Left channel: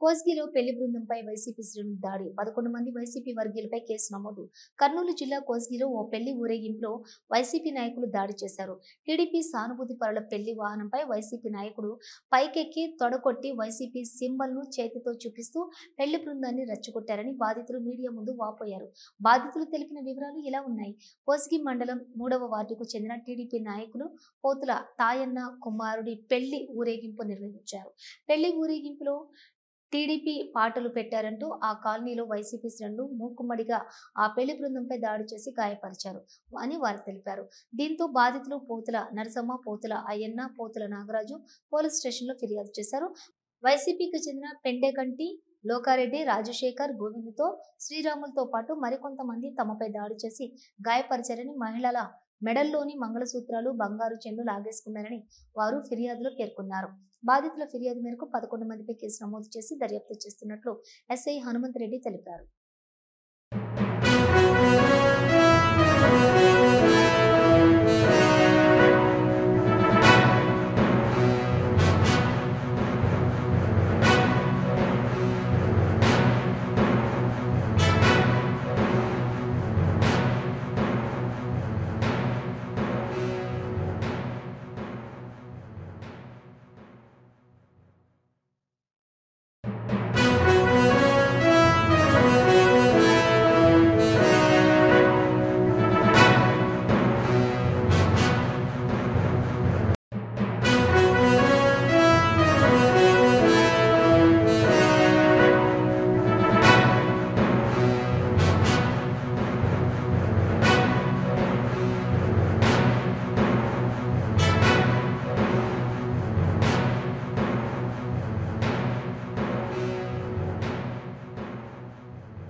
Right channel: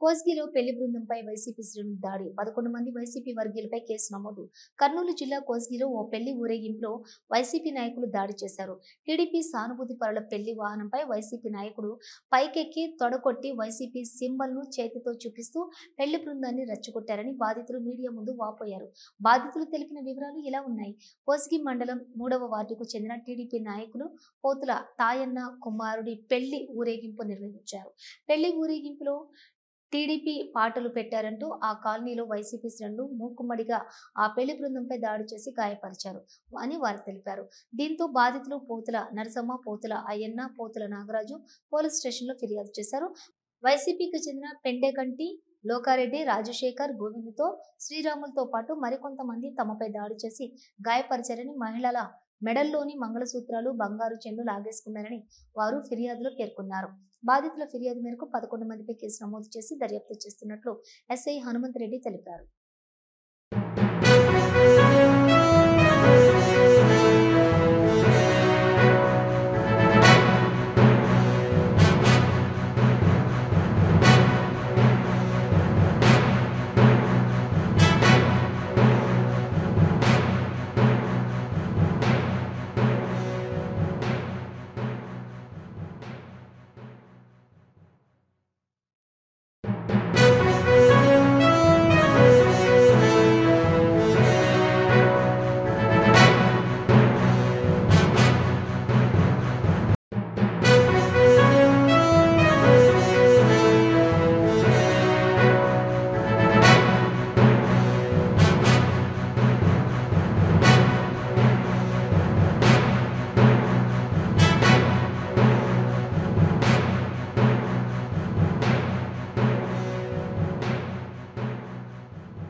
కోస్గిలో పెళ్లి బృందంపై వైసీపీ శ్రేణుల దాడి 11 మంది వైసీపీ వర్గీయులపై కేసు నమోదు. కర్నూలు జిల్లా కోస్గిలో ఓ పెళ్లి ఊరేగింపులో వైసీపీ నాయకులు దాడి చేశారు. టీడీపీ సానుభూతి పరుల పెళ్లి వాహనంపై వైసీపీ నాయకుడు పైకెక్కి తొడగొట్టి వైసీపీ సింబల్ ను చేతితో చూపిస్తూ పెళ్లి బృందాన్ని రెచ్చగొట్టారని బాధితులు మీడియా ముందు వాపోయారు. బాధితులు తెలిపిన వివరాలు ఇలా ఉన్నాయి. కోస్గి మండలం 3వ వార్డుకు చెందిన టీడీపీ నాయకులు పోతుల తాయన్న కుమారుడి పెళ్లి ఊరేగింపు నిర్వహించారు. పెళ్లి ఊరేగింపులో టీడీపీ పాటలు పెట్టారంటూ ఆ కాలనీలో వైసీపీ శ్రేణులు మూకుమ్మడిగా ఆ పెళ్లి బృందంపై దాడి చేసి గాయపరిచారు అని వారు తెలిపారు. దీంతో బాధితులు పోతుల నరసమ్మ, పోతుల అయ్యన్న, పోతుల నాగరాజు పోలీస్ స్టేషన్లో ఫిర్యాదు చేశారు. వైసీపీకి చెందిన పెండెగంటి లోకారెడ్డి, రాజశేఖర్, గోవింద్తో శ్రీరాములతో పాటు మరికొంతమంది తమపై దాడి చేసి గాయపరిచారని, మహిళల మెడల్లోని మంగళసూత్రాలు, బంగారు చెండు లాగేసుకున్నారని వారు ఫిర్యాదులో పేర్కొన్నారు. బాధితుల ఫిర్యాదు మేరకు 11 మందిపై కేసు నమోదు చేసి దర్యాప్తు చేస్తున్నట్లు ఎస్ఐ హనుమంతరెడ్డి తెలిపారు.